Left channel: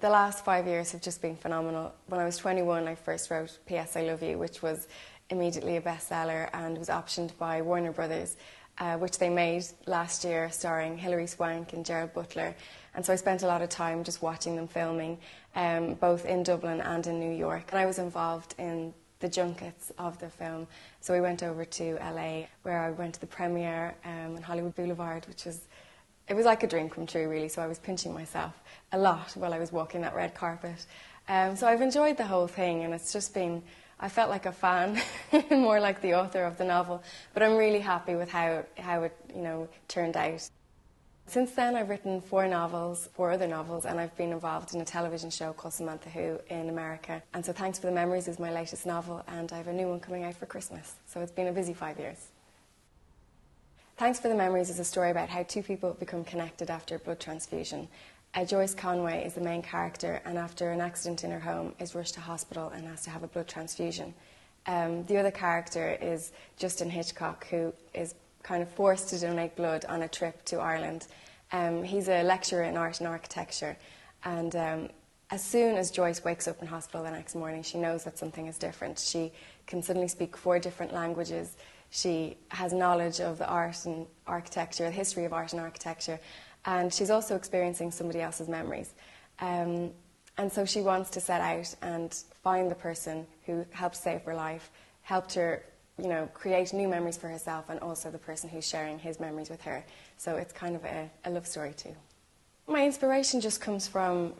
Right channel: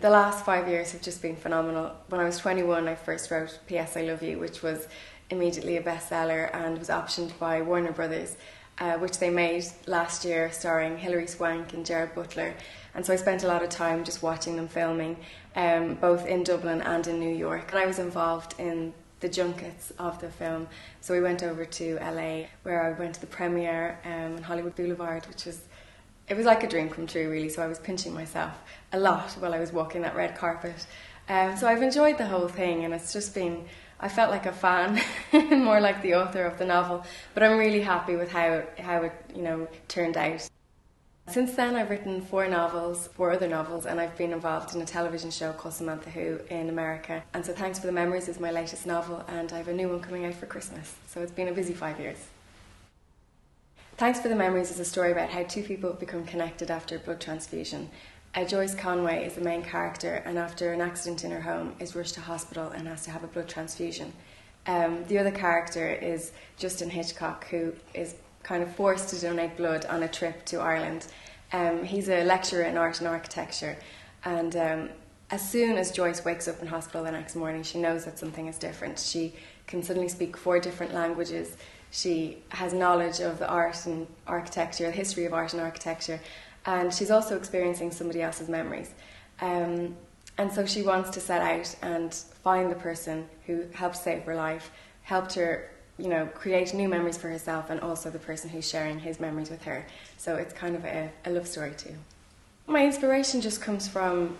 The last 5 years have just been phenomenal. When I was 21, I first wrote P.S. I Love You, which was immediately a bestseller and was optioned by Warner Brothers, which they made last year, starring Hilary Swank and Gerard Butler. And so I spent a lot of time just watching them filming, both in Dublin and in New York. And I was involved in the junkets of the film. So we went over to LA, where I went to the premiere in Hollywood Boulevard, it was like a dream come true, really. So I was pinching myself a lot while I was walking that red carpet. So I've enjoyed the whole thing, and it's just been, I felt like a fan, more like the author of the novel, but I'm really happy with how it turned out. Since then, I've written 4 other novels, and I've been involved in a television show called Samantha Who in America. And so Thanks for the Memories is my latest novel, and I have a new one coming out for Christmas. So it's been a busy 5 years. Thanks for the Memories is a story about how 2 people become connected after a blood transfusion. Joyce Conway is the main character, and after an accident in her home is rushed to hospital and has to have a blood transfusion. The other character is Justin Hitchcock, who is kind of forced to donate blood on a trip to Ireland. He's a lecturer in art and architecture, and as soon as Joyce wakes up in hospital the next morning, she knows that something is different. She can suddenly speak 4 different languages. She has knowledge of the art and architecture, the history of art and architecture, and she's also experiencing somebody else's memories. And so she wants to set out and find the person who helped save her life, helped her, create new memories for herself, and also the person who's sharing his memories with her. So it's kind of a love story too. My inspiration just comes from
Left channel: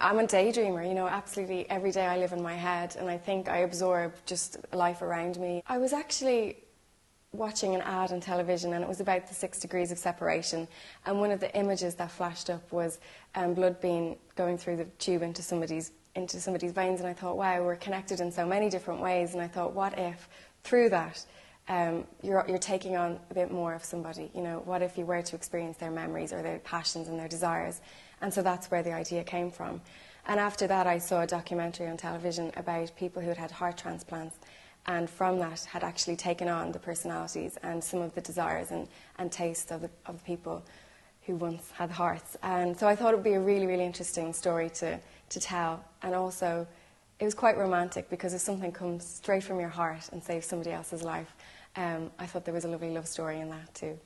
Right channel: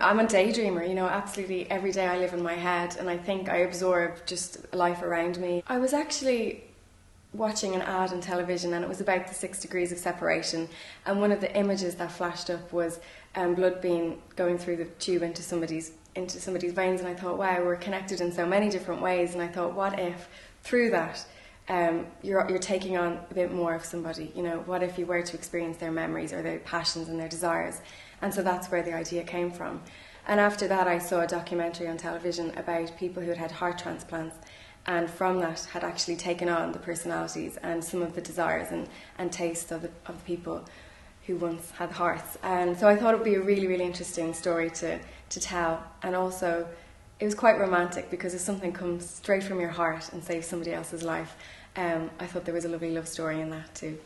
I'm a daydreamer, absolutely every day I live in my head, and I think I absorb just life around me. I was actually watching an ad on television, and it was about the 6 degrees of separation, and one of the images that flashed up was blood going through the tube into somebody's veins, and I thought, wow, we're connected in so many different ways, and I thought, what if through that you're taking on a bit more of somebody, what if you were to experience their memories or their passions and their desires? And so that's where the idea came from. And after that, I saw a documentary on television about people who had had heart transplants, and from that had actually taken on the personalities and some of the desires and tastes of the people who once had hearts. And so I thought it would be a really, really interesting story to tell. And also, it was quite romantic, because if something comes straight from your heart and saves somebody else's life, I thought there was a lovely love story in that too.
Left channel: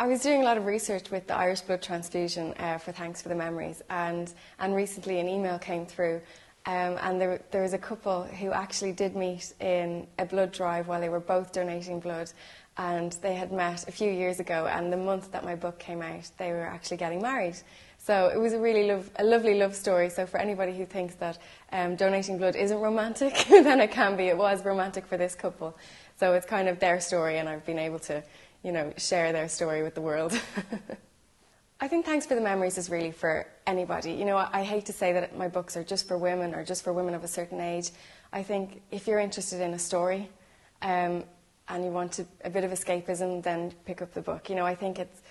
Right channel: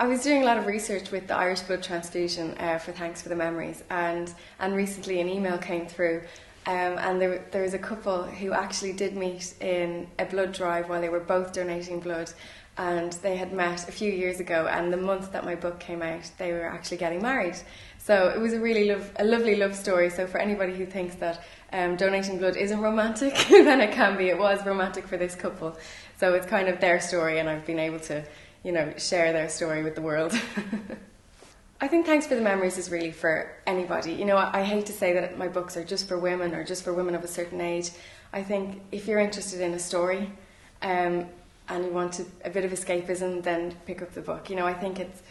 I was doing a lot of research with the Irish blood transfusion for Thanks for the Memories, and recently an email came through, and there was a couple who actually did meet in a blood drive while they were both donating blood, and they had met a few years ago, and the month that my book came out, they were actually getting married. So it was a lovely love story. So for anybody who thinks that donating blood isn't romantic, then it can be. It was romantic for this couple. So it's kind of their story, and I've been able to share their story with the world. I think Thanks for the Memories is really for anybody. I hate to say that my books are just for women or just for women of a certain age. I think if you're interested in a story and you want a bit of escapism, then pick up the book. I think it's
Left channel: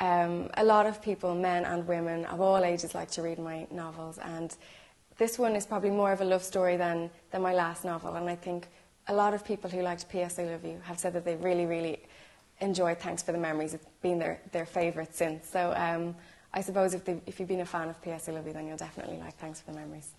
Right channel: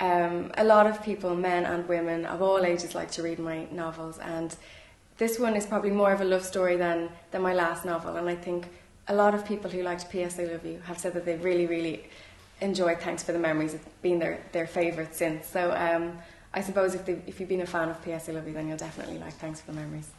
a lot of people, men and women of all ages, like to read my novels, and this one is probably more of a love story than my last novel. And I think a lot of people who liked P.S. I Love You have said that they really, really enjoyed Thanks for the Memories. It's been their favourite since. So I suppose if you've been a fan of P.S. I Love You, then you'll definitely like Thanks for the Memories.